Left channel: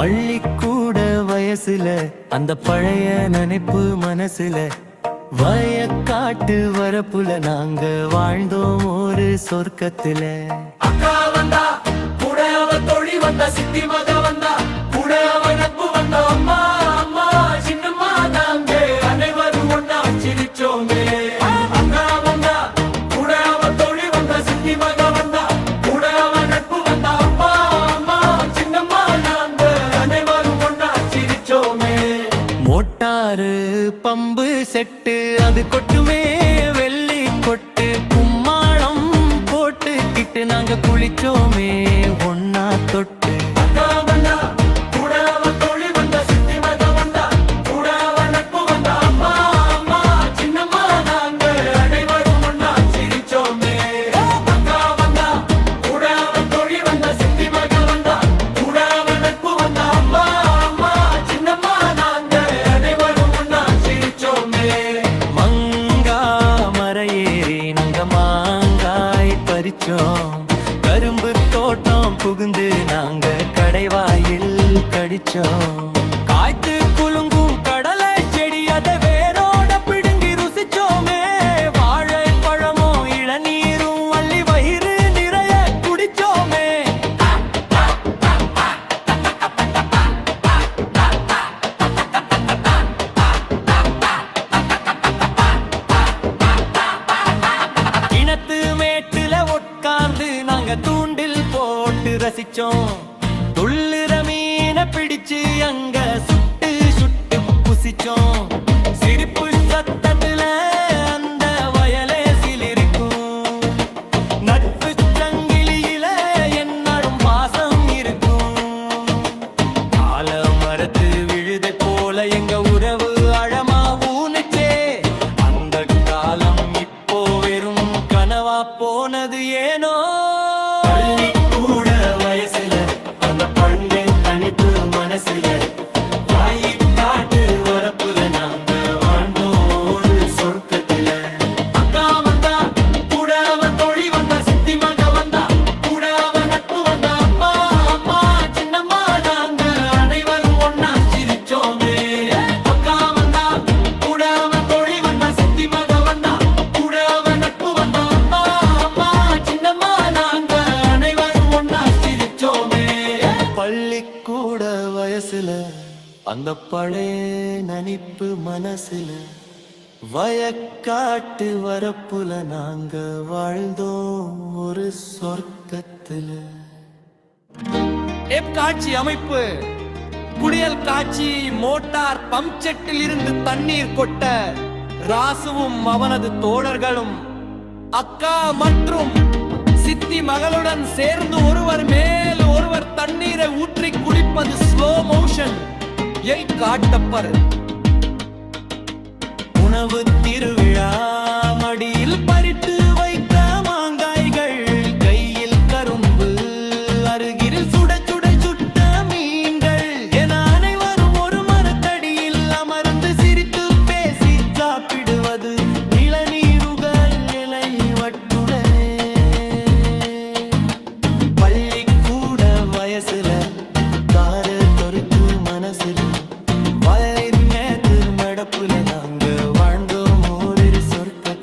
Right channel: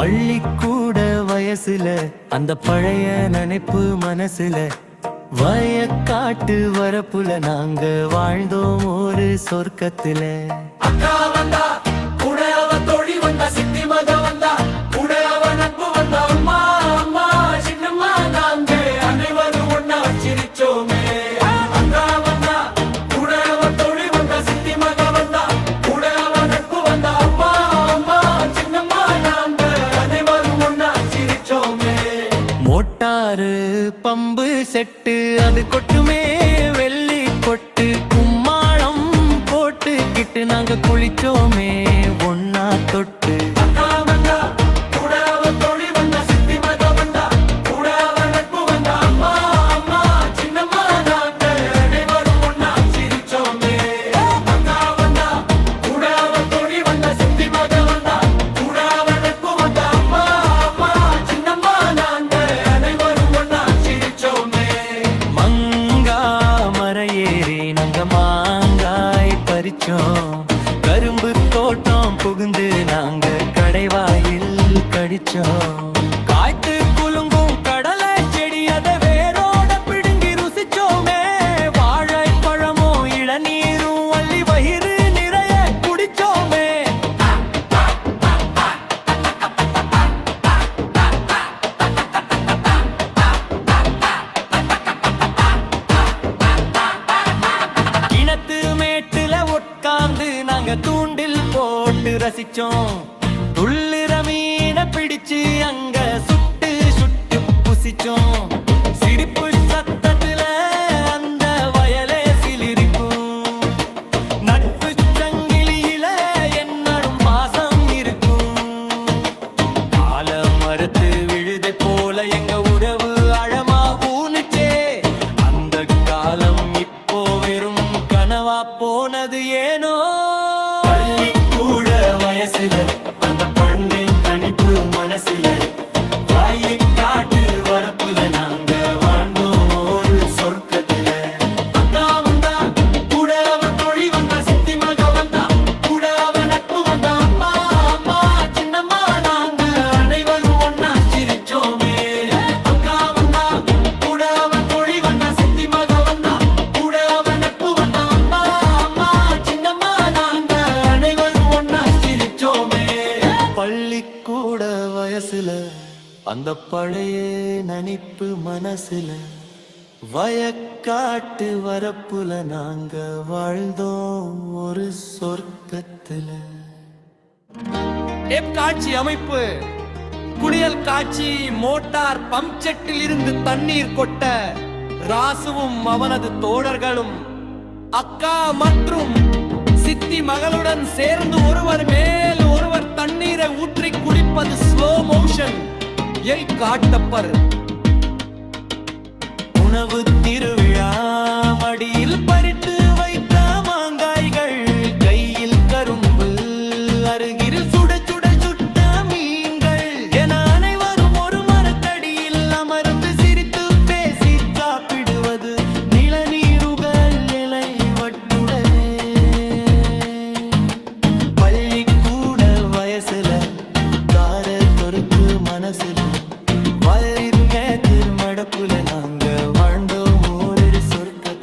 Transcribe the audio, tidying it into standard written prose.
பள்ளிக்கூட வயசுல அந்த பழைய நினைப்பு மனசுல வயக்காட்டு வரப்புல நாங்க வாழ்ந்தோம் ஒரு சொர்க்கத்துல. அக்கா வந்தா கூட அவ தோழி வந்தா, சித்தி மக வந்தா கூட அவ நட்பு வந்தா, அம்மா அம்மா சின்னம்மா நாங்க அனைவரும் ஒன்னா சிரிச்சோமே. அக்கா வந்தா கூட அவ தோழி வந்தா, சித்தி மக வந்தா கூட அவ நட்பு வந்தா, அப்பா அம்மா சின்னம்மா நாங்க அனைவரும் ஒன்னா சிரிச்சோமே. மோட்டாரு பம்பு செட்டு அது கொட்டுமே வெள்ளி கொட்டு, கும்மாளம் போட்டுக்கிட்டு நாங்க குளிச்சோமே ஒன்னா தொட்டு. அக்கா வந்தா கூட அவ தோழி வந்தா, சித்தி மக வந்தா கூட அவ நட்பு வந்தா, அப்பா அம்மா சின்னம்மா நாங்க அனைவரும் ஒன்னா சிரிச்சோமே. அக்கா வந்தா கூட அவ தோழி வந்தா, சித்தி மக வந்தா கூட அவ நட்பு வந்தா, அப்பா அம்மா சின்னம்மா நாங்க அனைவரும் ஒன்னா சிரிச்சோமே. மங்கா மரையேறி நாங்க மாங்காய் பறிச்சோம், கரும்பு தோட்டம் புகுந்து நாங்க கடைவாயில் கடிச்சோம். காய்த்து குலுங்கும் கடலை செடி அதை வேரோட பிடுங்கி ருசிச்சோமே. வாழைப்பழமும் இளநீரும் அள்ளி வயிறு நிறைய குடிச்சோமே. கிணத்து மேட்டுல உட்கார்ந்து நாங்க தூண்டில் போட்டு ரசிச்சோம். துள்ளுற மீனை பிடிச்சு அங்க சுட்டு சுட்டு புசிச்சோம். சிரிப்பு சத்தத்துல அந்த வயலே சிலிரிக்கும். நட்பு சங்கிலியில என்னடும் பாசம் இருக்கும். ஆல மரத்து விழுதை போல எங்க உறவு அழமா ஊனுச்சே. அந்த காலம் இப்போ வெறும் கனவா போனது ஏனோ. கூட வயசுல அந்த பழங்கின் தனிப்பு மனசுல வயக்காட்டு வரப்புல நாங்க வாழ்ந்தோம் ஒரு சொர்க்கத்துல. அக்கா வந்தா கூட அவ தோழி வந்தா, சித்தி மக வந்தா கூட அவ நட்பு வந்தா, அம்மா அம்மா சின்னம்மா நாங்க அனைவரும் ஒன்னா சிரிச்சோமே. அக்கா வந்தா கூட அவ தோழி வந்தா, சித்தி மக வந்தா கூட அவ நட்பு வந்தா, அம்மா அம்மா சின்னம்மா நாங்க அனைவரும் ஒன்னா சிரிச்சோமே. பள்ளிக்கூட வயசுல அந்த பழைய நினைப்பு மனசுல வயக்காட்டு வரப்புல நாங்க வாழ்ந்தோம் ஒரு சொர்க்கத்துல. காட்சி அமைப்பு குளியல் காட்சி. மோட்டார் பம்ப் செட்டில் இருந்து தண்ணீர் கொட்ட ராசுவும் அவனது தோழர்களும் அக்கா மற்றும் சித்தி மகளுடன் சேர்ந்து ஒருவர் மேல் ஒருவர் தண்ணீரை ஊற்றி குளிப்பது ஸ்லோ மோஷன் காட்டப்பர். உணவு திருவிழா மடியில் பறித்து வைத்த மாங்காய்கள், கையில் கரும்பு அருகில் சுட சுட சுட்ட மீன்கள் என அனைவரும் ஒரு மரத்தடியில் அமர்ந்து சிரித்து பேசி சாப்பிடுவது நிலநீருகள் நிலை வட்டுடனே. பள்ளிக்கூட வயசுல தார தொருக்கு மனசிலும் வயலின் மேத்திரு மடப்புல நாங்க வாழ்ந்தோம் ஒரு சொர்க்க